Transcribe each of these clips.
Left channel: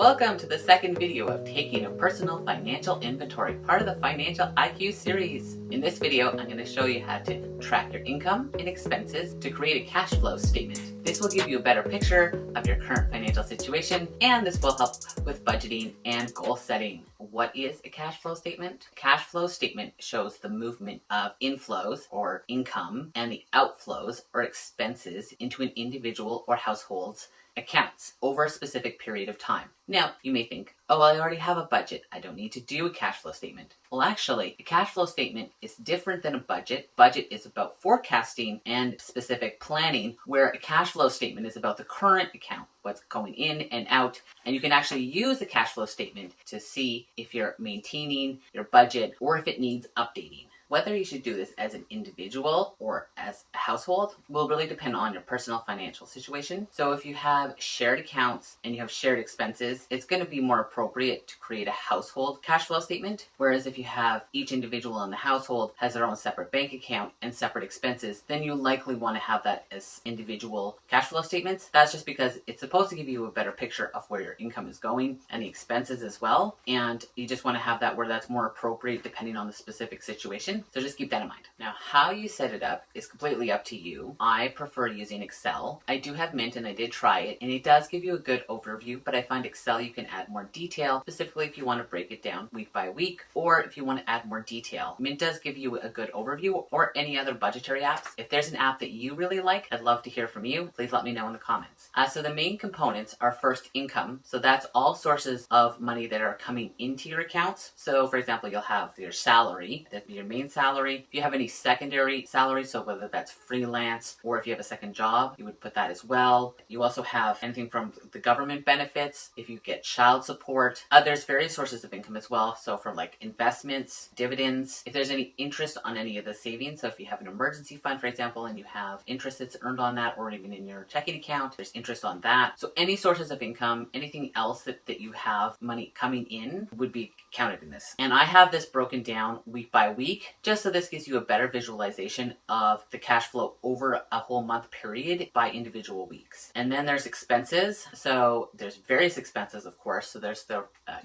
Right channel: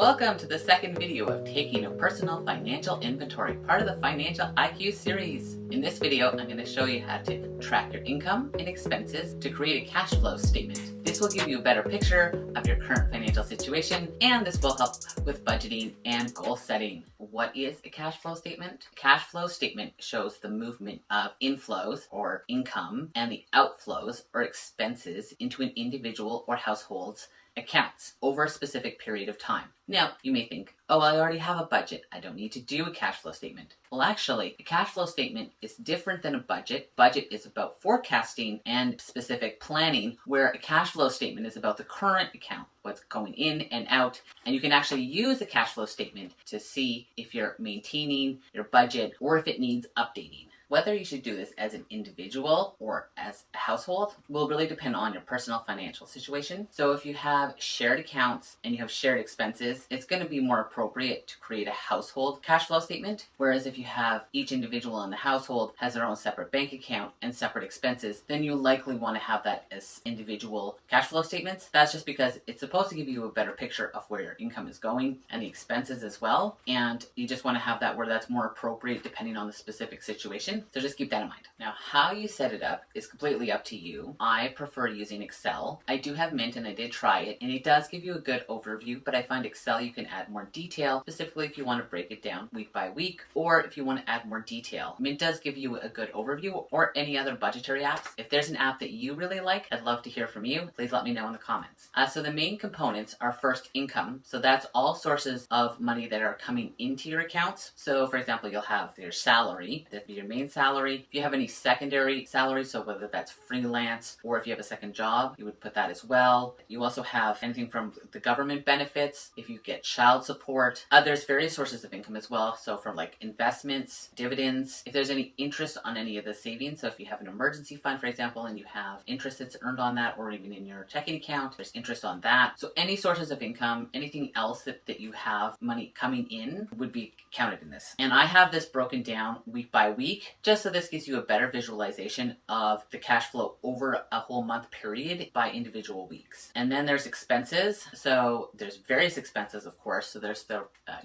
Welcome to the second video of taking a personal financial inventory, part of the Financial IQ series. In this video, I'm going to show you how to track your income and expenses to create a cash flow statement. This will give you a better picture of your current financial situation, and this will help with budgeting and goal setting. What is a cash flow statement? A cash flow statement shows the movement of inflows or income and the outflows or expenses into an individual or household's accounts over a specific period of time. Now, you may think, oh, I already have a budget. I don't need to do a cash flow statement. Well, actually, a cash flow statement is different than a budget. Budget is about forecasting and specific planning, where a cash flow statement is about the current account, what's going in and out. And you can actually use a cash flow statement to see if you're maintaining your budget or if it needs updating. Whether you should do this as an individual or as a household will really depend on your personal financial situation. So if you have shared accounts and you have shared expenses, it's going to be more appropriate to create a household cash flow statement. Whereas if you have each individual in the household has their own separate bank account and separate expenses, then you likely want to have that as individual cash flow statements. That's just because it's supposed to give you a better picture of where your income is going and the expenses as well. And you just want to have that where that's more appropriate depending on the specific situation. So just keep that in mind. Now, how you set it up is completely up to you. I prefer using Excel. I do have Mint and I did try it, and it does give you a good overview, but I find Excel you can add more detail, specifically if you want to break it down week by week, or if you want to add more detail. Mint does give you a good overview, or any other budgetary apps. If there's an app that you really like, I'd love to hear from you. Please let me know in the comments. So the main components are first income. So that's all sources of money that are coming into your accounts. So for example, you'll have your salary, that'd be your main salary. If you have any secondary salary, so whether that's freelance or if you have a second job, you would put that as well. You also have anything from the government benefits, if you get child support. There's various sources of income as well. So from like investments, dividends, if there's any interest on any of the savings. So if you have an emergency fund, for example, and you have interest that's earned on that, or even in your checking account, there's interest on that. So any sources of income, anything else that you have money coming in would be counted in this. And I have this broken down week by week, just so this gives you a better visualization of the cash flow over a whole month period by individual weeks. And then there's expenses. So there's various expenses, of course. So there's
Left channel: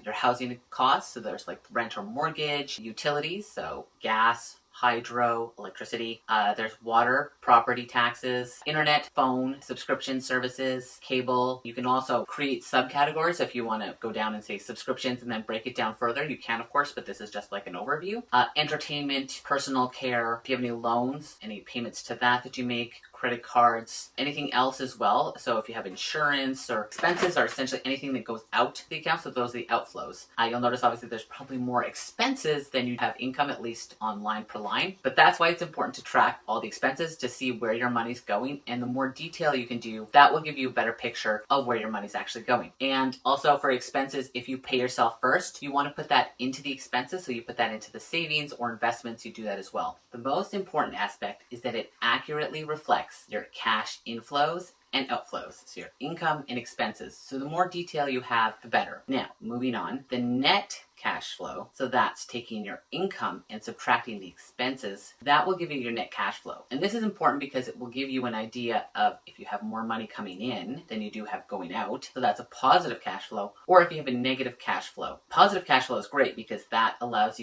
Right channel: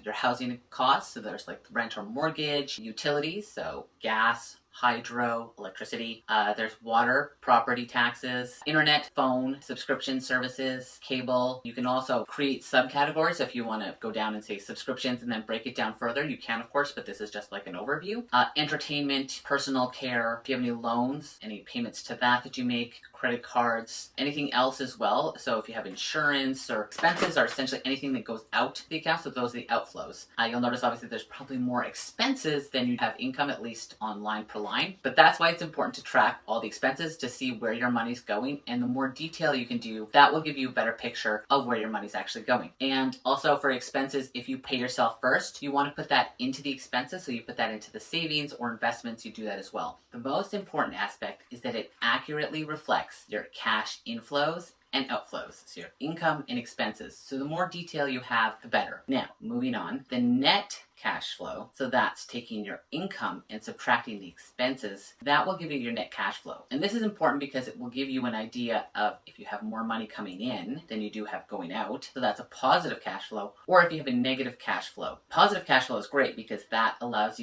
your housing costs. So there's like rent or mortgage, utilities, so gas, hydro, electricity. There's water, property taxes, internet, phone, subscription services, cable. You can also create subcategories if you want to go down and say subscriptions and then break it down further. You can, of course, but this is just like an overview. Entertainment, personal care. If you have any loans, any payments to that you make, credit cards, anything else as well. So if you have insurance or expenses, are essentially anything that goes out to the account. So those are the outflows. You'll notice obviously there's probably more expenses than you have income, at least on line per line. But that's why it's important to track all the expenses to see where your money's going. And the more detail you can do, that will give you a better picture of where your money's actually going. And also for expenses, if you pay yourself first, you want to put that into the expenses. So you put that into the savings or investments, you do that as well. The most important aspect is that it accurately reflects your cash inflows and outflows, so your income and expenses. So the more detail you have, the better. Now, moving on, the net cash flow, so that's taking your income and subtracting the expenses, that will give you your net cash flow. And this is important because it will give you an idea of if you have more money coming in than you do have going out, so that's a positive cash flow, or if you have a negative cash flow. Positive cash flow is great because that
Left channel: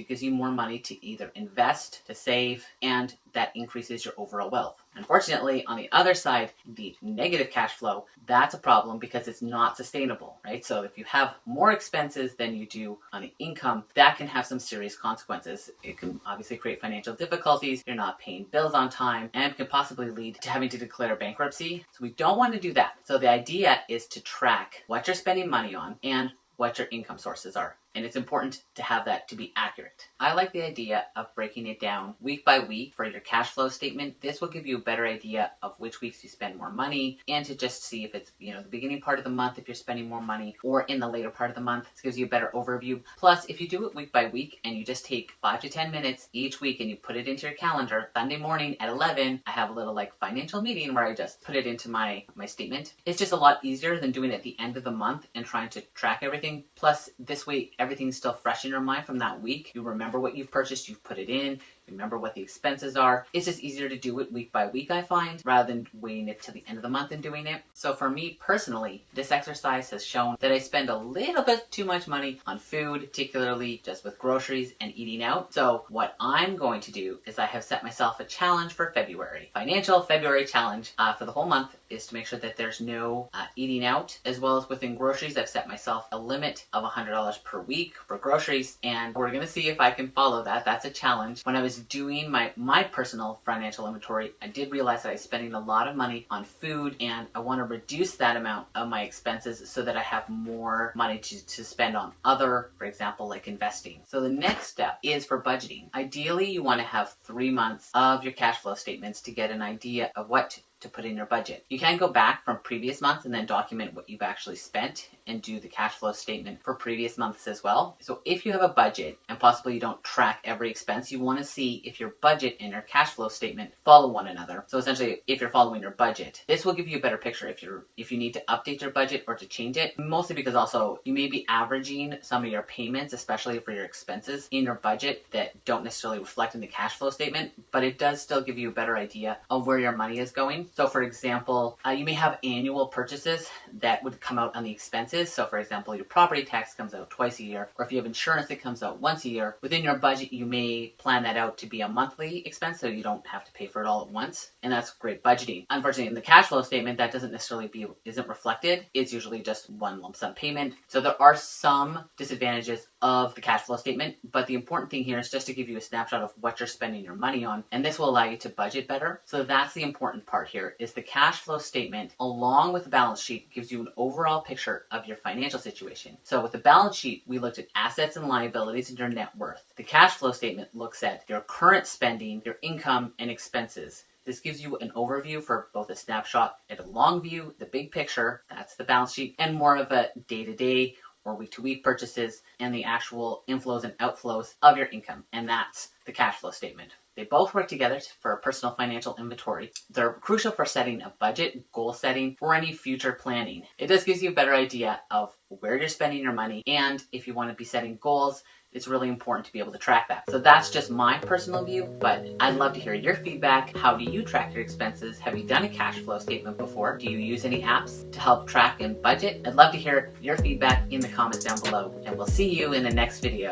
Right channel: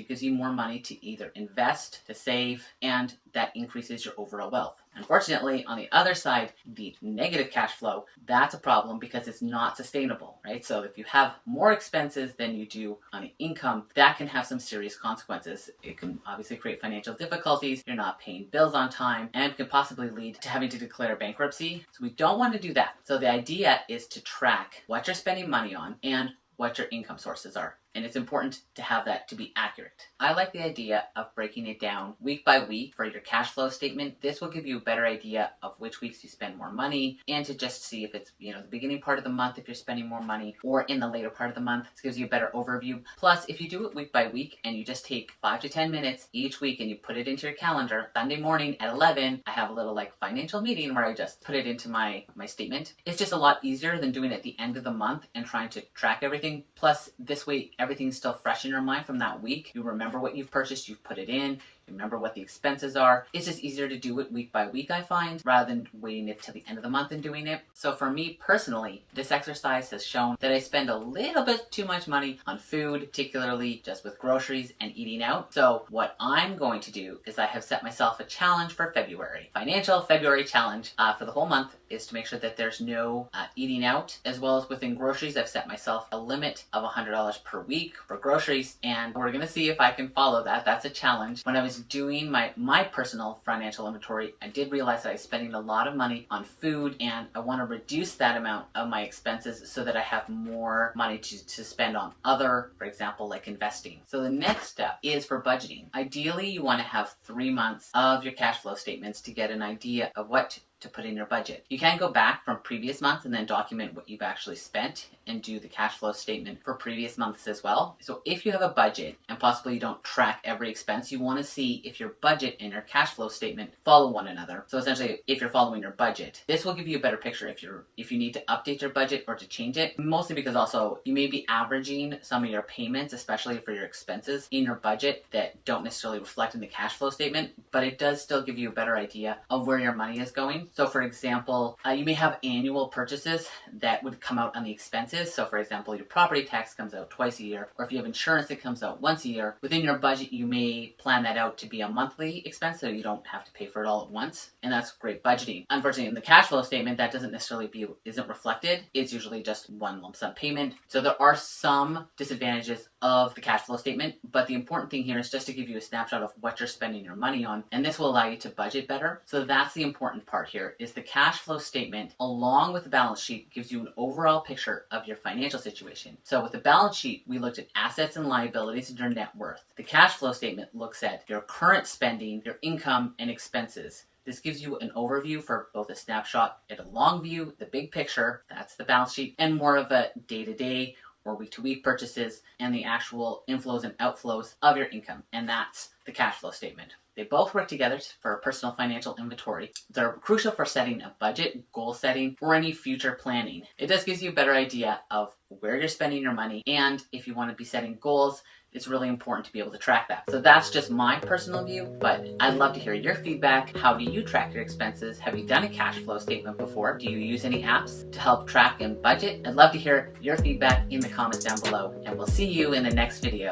gives you more money to either invest, to save, and that increases your overall wealth. Unfortunately, on the other side, the negative cash flow, that's a problem because it's not sustainable, right? So if you have more expenses than you do on the income, that can have some serious consequences. It can obviously create financial difficulties. You're not paying bills on time, and can possibly lead to having to declare bankruptcy. So we don't want to do that. So the idea is to track what you're spending money on and what your income sources are. And it's important to have that to be accurate. I like the idea of breaking it down week by week for your cash flow statement. This will give you a better idea of which weeks you spend more money, and to just see if it's, the beginning part of the month, if you're spending more money, or in the later part of the month. This gives you a better overview. Plus, if you do it week by week and you just take 5 to 10 minutes each week and you put it into your calendar, Sunday morning at 11, I have a little financial meeting where I just put it into my statement. It's just a lot easier than doing it at the end of the month and trying to track everything. Plus, this way, everything's still fresh in your mind from that week. You remember what you've purchased, you've put it in, remember what the expenses are. It's just easier to do it week by week, I find, rather than waiting it to the end of the month and doing it. So for me personally, this exercise has shown that I spend a little bit too much money on food, particularly just with groceries and eating out. So what I'm going to do is I have set myself a challenge for February. Financial February challenge for the whole month is to make sure that there's no eating out, as well as within groceries. I've set myself a limit of $100 per week for groceries, and we're gonna see if I can follow that. That's a challenge. When I was doing my personal financial inventory, I did realize that I was spending a lot of money on food, and I want to reduce that amount of my expenses so that I have more money to spend on other, for example, like investing. So the next step is for budgeting. Ideally, you want to have 3 months of your cash flow statements to get an idea of what to put in your budget. You can go back from previous months and then document what you've actually spent and do the cash flow statement for previous months as well. So if you have a budget and possibly you don't track every expense, you want to see if your budget and your cash flow statement follow one another. So essentially, if you're following your budget, this will give you a better picture if you need to update your budget or to change it. Mostly because also you may be averaging some of your payments, especially for your expenses in your budget, that don't necessarily reflect in the cash flow statement, but it does still give you a better idea of where your money is going. So for example, you may have annual purchases that would come out on the expenses. So for example, your property tax comes out twice a year, or if you have insurance that comes out once a year. Within your budget, you may plan that out to be a monthly expense, so you don't have to pay for it all at once. And that's great budgeting. Unfortunately, in the cash flow statement, that isn't reflected. It's usually just one lump sum payment. So there are some disadvantages of the cash flow statement, but the important thing here is just to give you a snapshot of what you're spending your money on, and this will allow you to budget better. So that's the important part here, is the cash flow statement along with the balance sheet gives you an overall picture of your financial situation. So with the balance sheet, we looked at assets and liabilities and your net worth. The cash flow statement looks at your current spending, your income, and expenses. This gives you an overview for both a snapshot and a long view, the big picture, that's the balance sheet, and more of a day-to-day or week-to-week purchases and the actual inflows and outflows of your income. And that's the cash flow statement. They both work together for a personal financial inventory. They're crucial for setting a budget, goal setting, or any future planning. It just gives you a better idea of where you're spending your money, and if you want to be setting goals, it's really important to be able to track that. So that's just my personal view, but I'd love to hear your feedback. How do you track your expenses? Have you done a cash flow statement before? Do you use any apps to help track and budget? I'd love to hear your feedback in the comments down below, and we'll see you in the next video.